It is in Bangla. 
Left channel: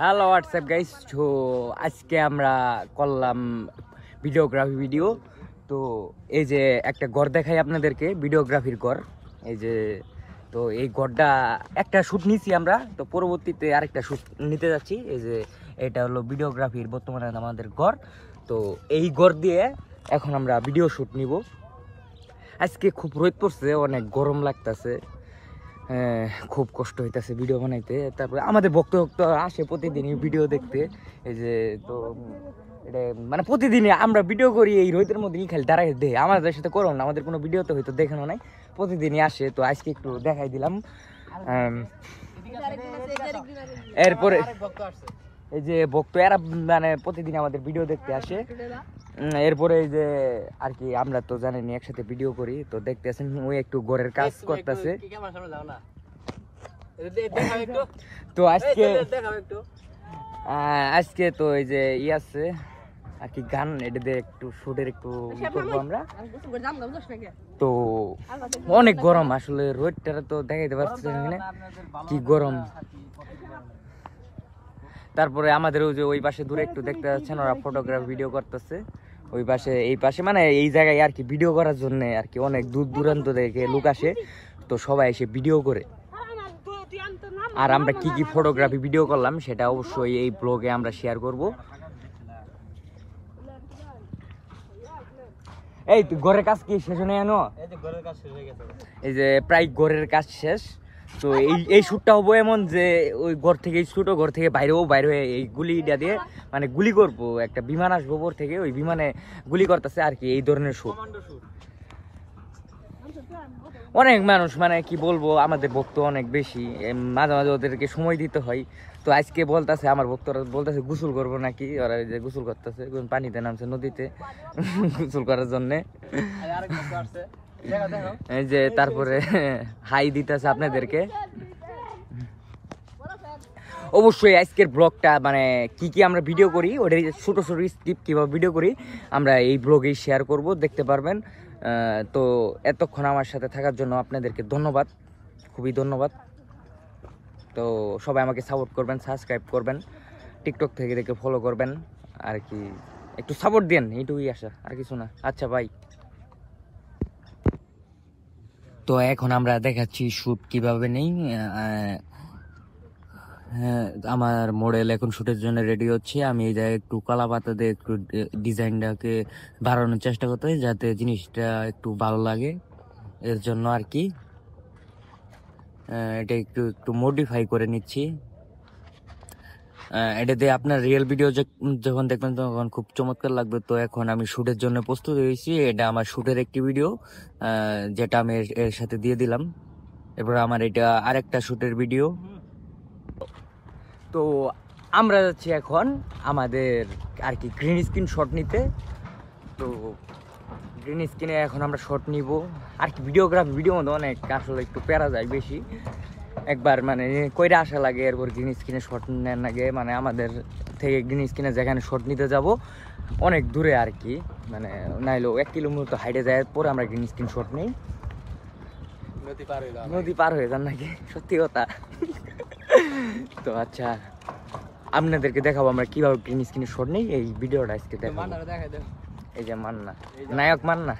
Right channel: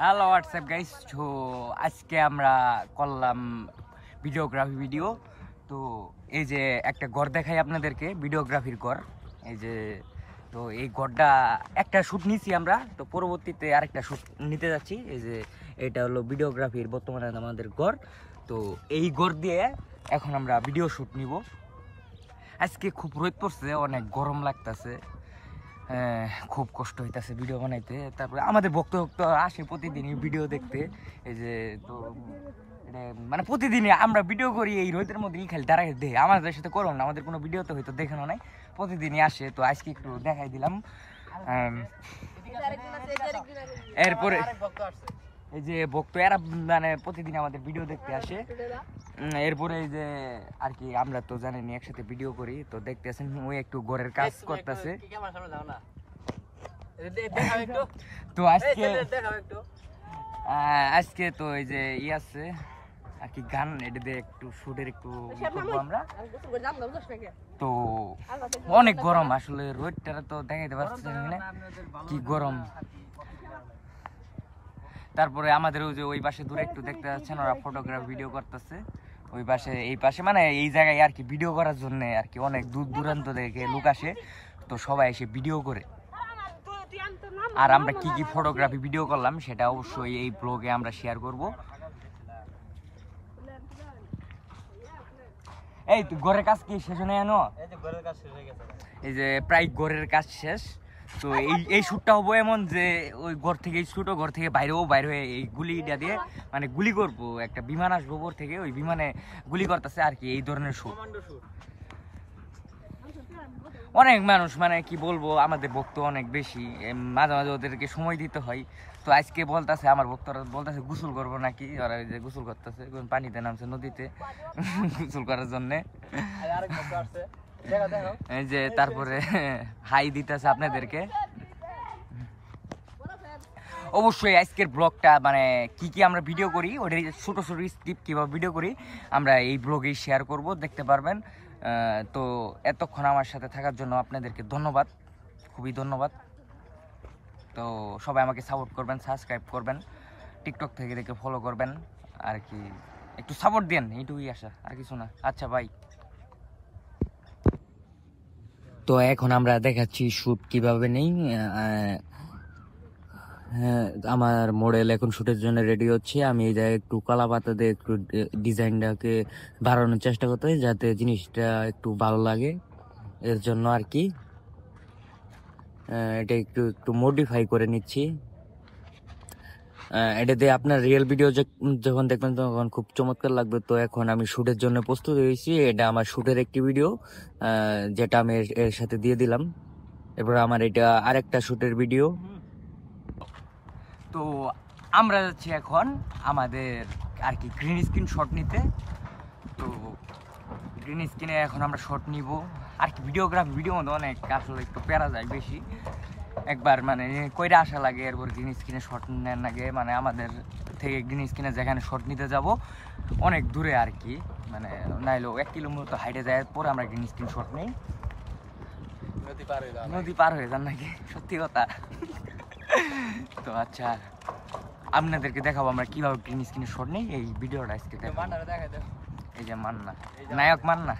Hello WhatsApp guys. তো আজকে আমরা করলাম ভিডিওগ্রাফি ভিডিও। তো এই যে একটা ঘর দেখাই আপনাদেরকে, ভিডিওগ্রাফির ঘর। এই যে তো এই ঘরটা একটা শ্যুট নিয়েছি আমরা, তো পরবর্তীতে আরেকটা শ্যুট নিতে যাচ্ছি। এই যে এটা হলো ভিডিওগ্রাফির বর্তমানে আমাদের ঘর। তো এই ঘর দিয়ে এখন আমরা ভিডিও শ্যুট নিব। আজকে খুব রোদ পড়ছে, অনেক গরম লাগতেছে, খুব কষ্ট হইতেছে ভিডিও বানাইতে। তারপরে আমাদের ভক্ত আসে প্রতিদিনই ভিডিও দেখতে। এই যে তো এটা মানে প্রতিদিনই আমরা ভিডিও করি, এই রোদের মধ্যেই খালি দাঁড়াই দেখে। আমাদের সাথে করো না, আমাদের কোনো ভিডিও তো হয়তো দেখানো নাই, প্রতিদিনই আসে। তো আজকে একটু দেখাই দিলাম। এরপরে এই যে ভক্ত এরা মানে প্রতিদিন আমাদের ভিডিও দেখতে আসে। এরপরে এই যে আর কি আমরা তো জানেনি একসাথে ভিডিও করি, তো দেখতে আছেন ওই একটু ঘরের কাজ করতেছে। তো আজকে তো এই যে ই আছে আর কি গান, এটা দিয়ে একটু শুটের একটু ই করবো আমরা। তো অনেক গরম আসলে, রোদটা তো দেখাইতে পারছি না কি গরম। তারপরে আমাদের ওই যে ওই পাশে দূরে একটু দেখতে পাচ্ছেন, ওরা ফটোগ্রাফি ভিডিও করতেছে। ওই পাশে এই পাশে মানে এই জায়গায় আর কি ভিডিও করার জন্য আর কি অনেক দূর দূরান্ত থেকে লোক আসে, তো সবাই এসে ভিডিও করে। আর আমরা কি কি ফটোগ্রাফি ভিডিও করলাম সেটা অবশ্যই এই ব্লগে আমরা শেয়ার করব। এই তো ঘরের কাজ কি শেষ হয়ে আনো? এই যে প্রায় ঘরের কাজ শেষ। তো এই শ্যুটটা হবো এমন যে ওই ঘর থেকে ছোট ঘর থেকে বাইরে হয়ে এই গুলিটা দিয়ে মানে গুলি করবো, একটা বিমান আসবো ওপর থেকে, ওই বিমানে গুলি করতেছে আর কি, এই ধরনের শ্যুট। অনেক মানুষ মানে কি বলবো, আমাদের ভক্ত অনেক বেশি, মাঝে মাঝে ওদেরকে সময় দিতে হয়। তো আজকে বলতেছে আমার ভক্তরা বলতেছে গোসল করবো নাকি, ওরা যে গোসল করতেছে, পানিতে নামছে নদীতে গোসল করার জন্যে। এই যে তারপরে হাই দিতেছে আপনাদেরকে। অবশ্যই আজকের ব্লগটা মানে কি কি আমরা ভিডিও করি, ওটার ছোটো ছোটো স্ক্রিপ্ট কীভাবে ভিডিও করি আমরা এই ব্লগেই শেয়ার করব, দেখতে পারবেন। তো এতক্ষণ আমার সাথে থাকার জন্য আপনাদেরকে ধন্যবাদ, খুবই ধন্যবাদ। তো সবাই আমাকে সাপোর্ট করবেন, সাবস্ক্রাইব করবেন, টিকটক থেকে দেখে ফলো করবেন আর কি, একটু সাপোর্ট দেন, এইটুকুই আশা, আর কিছু না। আচ্ছা ভাই, তো এখন আমরা দেখাচ্ছি শ্যুট কিভাবে নেই। হ্যাঁ, আমার মডেল এখন শুটের জন্য রেডি হচ্ছে। আমি এই জায়গায় একটু কলা পাতা দিয়ে একটু ডিজাইনটাকে বাড়ানোর চেষ্টা করতে হয়, যাতে জিনিসটা একটু ভালো লাগে, এর জন্য আর কি এটা একটু একটু মডিফাই করে নিচ্ছি। এটা দিয়ে আপনার রিয়েল ভিডিও যখন দেখবেন তখন খুব চমৎকার লাগবে। তো এখন আমি শুটের জন্য প্রস্তুত হয়েছি, এটা আমার শুটের একটি ভিডিও যেটা আমি এর সাথে দিয়ে দিলাম। এরপর আমার এটা আরেকটা শুটের ভিডিও। তো আমরা যাচ্ছি এখন আমাদের আর কি গ্রিন স্ক্রিন শট নিতে। তো গ্রিন স্ক্রিনে এখন আমরা শট নিব আর কি। ভিডিও মধ্যে অনেক আসলে একটু প্যারা যায় বেশি, একবার মানে কইরা আসা লাগে, এরপর গ্রিন স্ক্রিনে শট নেন লাগে। মানে আমাদের থেকে গ্রিন স্ক্রিনে যেখানে শট নিতে যাব অনেক দূরে আর কি, মানে নাইলেও 1 কিলোমিটার হাইটে যায়, পরে আমরা গ্রিন স্ক্রিন শট নেই। নদী পার হয়ে যান নাকি, সত্যি কথা। তো আচ্ছা, আপনাদেরকে দেখাবো আমরা কিভাবে গ্রিন স্ক্রিনে শট নেই, এই ভিডিওটা আজকে দেখাবো। এই যে মান্না, নায়ক মান্না।